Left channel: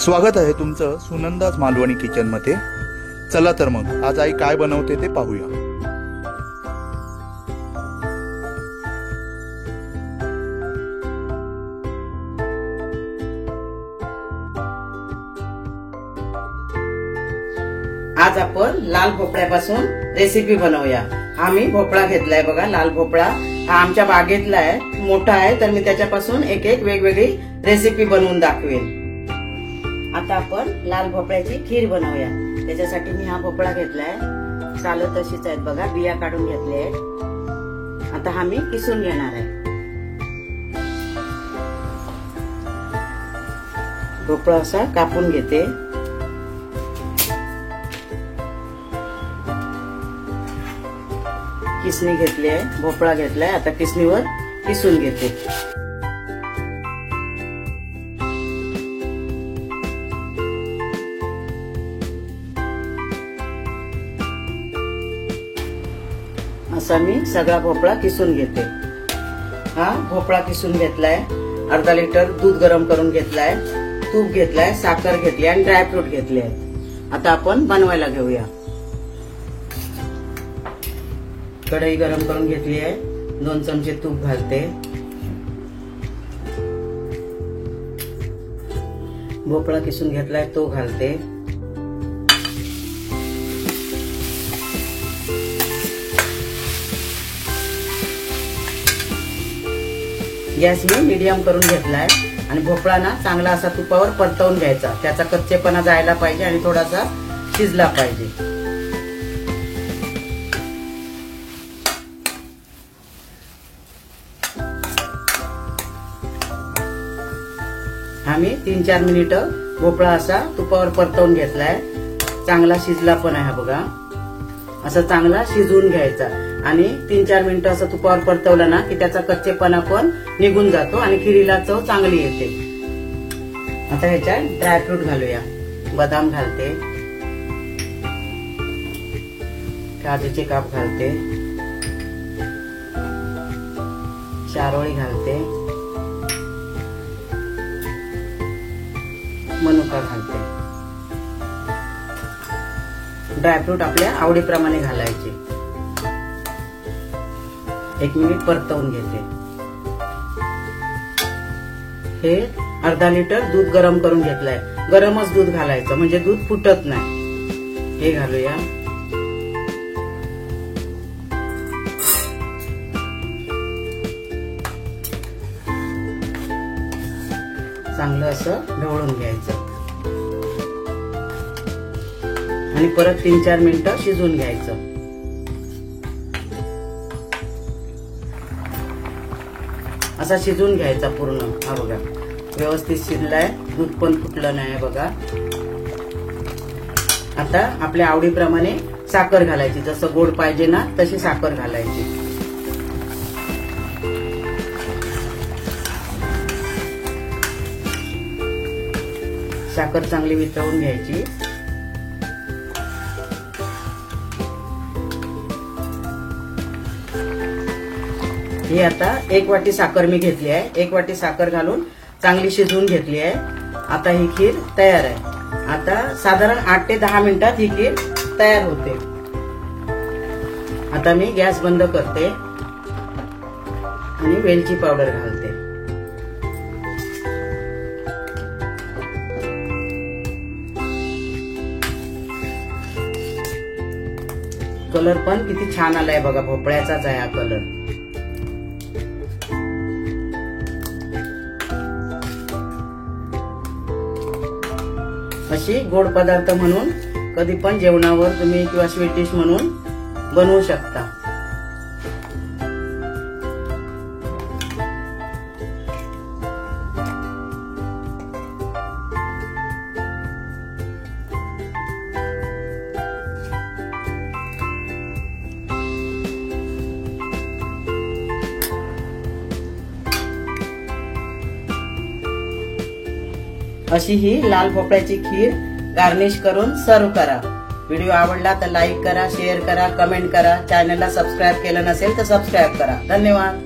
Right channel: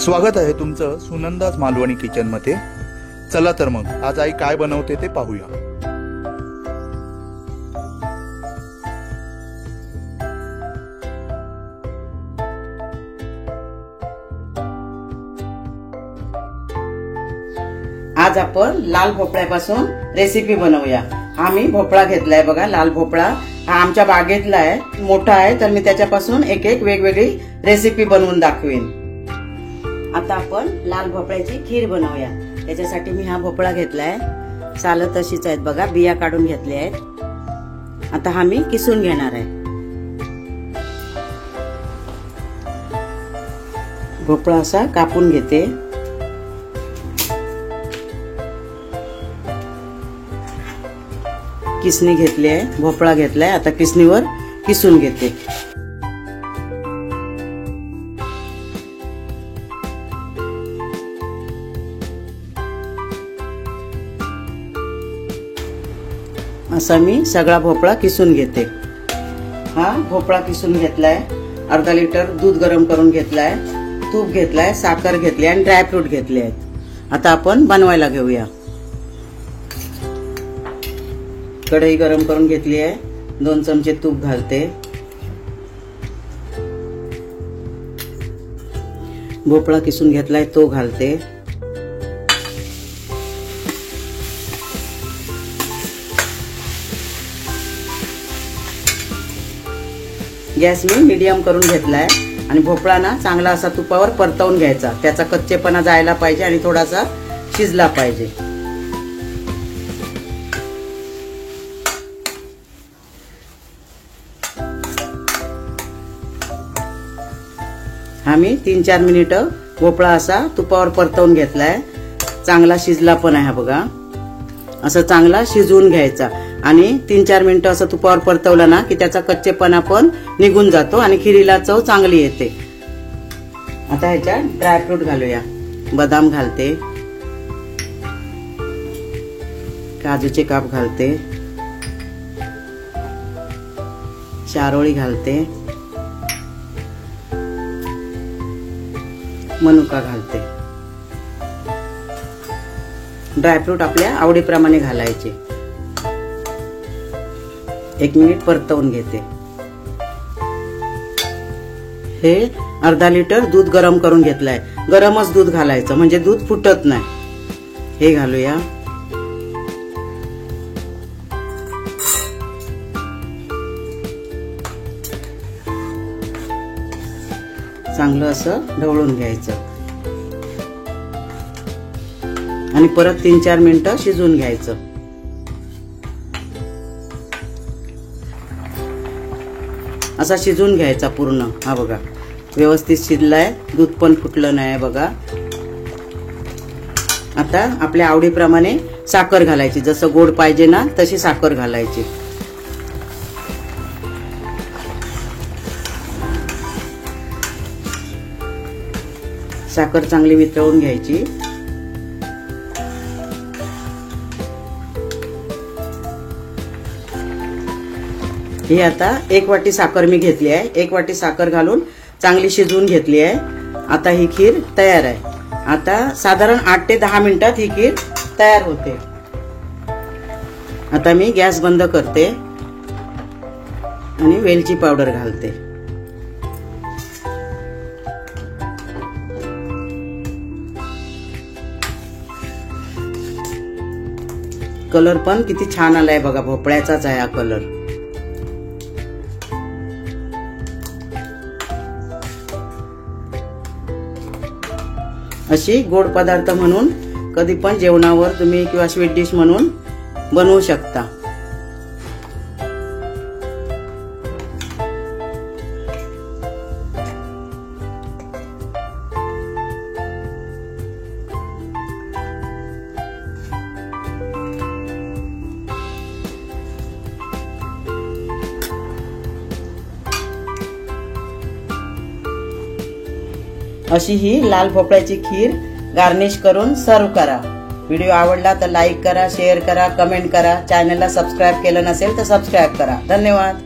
स्वागत आहे तुमचं सुनंदाज मालवणी किचन मध्ये। चला तर मग आज आई काय बनवते ते पाहूया। आज आपण लाल भोपळ्यापासून रेसिपी बनवूया। आम्ही भोपळा घेतलाय बघा, लाल भोपळा हा आमच्या बागेतला आहे, मोठा आहे, तर मी त्याच्यापासून एक एक वेगवेगळी रेसिपी बनवून दाखवेन। आता आपण लाल भोपळ्याची खीर बनवूया। त्याच्यासाठी मी हा भोपळा घेतलाय, सालं तशीच आहेत बघा, बिया काढून घेतल्या आहेत। आता हा मी किसून घेणार आहे। भोपळा असा कापून घेते। किसणी घेतली आहे, भोपळा घेतलाय, आता किसणीवर किसून घेते। असा मी सगळा भोपळा किसून घेते। हा भोपळा किसून घेतलाय, अर्धा लिटर दूध गरम करून घेतलाय, तूप घेतलाय, साखर घेतली आणि ड्रायफ्रूट घेतले आहेत। आता आपण बनवायला घेऊया। कढई गरम करून घेतली आहे, 2 चमचे तूप घालते। भोपळा किसून घेतलाय तो घालते। गॅस मी मीडियम करून घेतलाय आणि भोपळा ना चांगला असा तुपावर परतवून घ्यायचा, त्याचा कच्चेपणा जायला पाहिजे आणि थोडासा शिजला पाहिजे। आम्ही 3-4 मिनिटं भोपळा असा तुपावर परतवून घेतलाय, चांगला शिजला पण आहे बघा। असं चांगला शिजवून घ्यायचा आणि 3-4 मिनिटं असं तुपावर परतवलं ना की त्याचा कच्चेपणा पण निघून जातो आणि खिरीला चव चांगली येते। आता ह्याच्यात ड्रायफ्रूट घालूया। बदाम घालते, काजूचे काप घालते, चारोळी घालते, मनुका घालते। ड्रायफ्रूट आपल्या आवडीप्रमाणे घालायचे। 1 मिनिट परतवून घेते। हे अर्धा लिटर दूध गरम करून घेतलंय, गरमच दूध घालायचं म्हणजे दूध फुटत नाही। हे घालूया। चांगलं असं ढवळून घ्यायचं आणि परत 3-4 मिनिटं शिजवून घ्यायचं। असा शिजवून घ्यायचा पूर्ण। हा बघा व्यवस्थित शिजलाय, दूध पण फुटलं नाही बघा। आता आपल्या आवडीप्रमाणे साखर घालायची, जसं गोड पाहिजे ना तशी साखर घालायची। साखर चांगली वितळून घ्यायची। ही आता 1 वाटी साखर मी घेतली आहे, 1 वाटी साखर घालून चांगली शिजवून घेतली आहे। आता ही खीर तयार आहे। आता साधारण 8 ते 10 मिनिटात ही खीर तयार होते। आता मी गॅस बंद करते आणि वेलची पावडर घालते। कलर पण किती छान आलाय बघा, भोपळ्याचाच आहे हा कलर। अशी गोड पदार्थ म्हणून कधी पण जेवणावर तुम्ही किंवा स्वीट डिश म्हणून बनवू शकता। अशी ही लाल भोपळ्याची खीर गार्निश करून सर्व करा। व्हिडिओ आवडला तर लाईक करा, शेअर करा, कमेंट करा। चॅनलला सबस्क्राईब केलं नसेल तर सबस्क्राईब करा। धन्यवाद।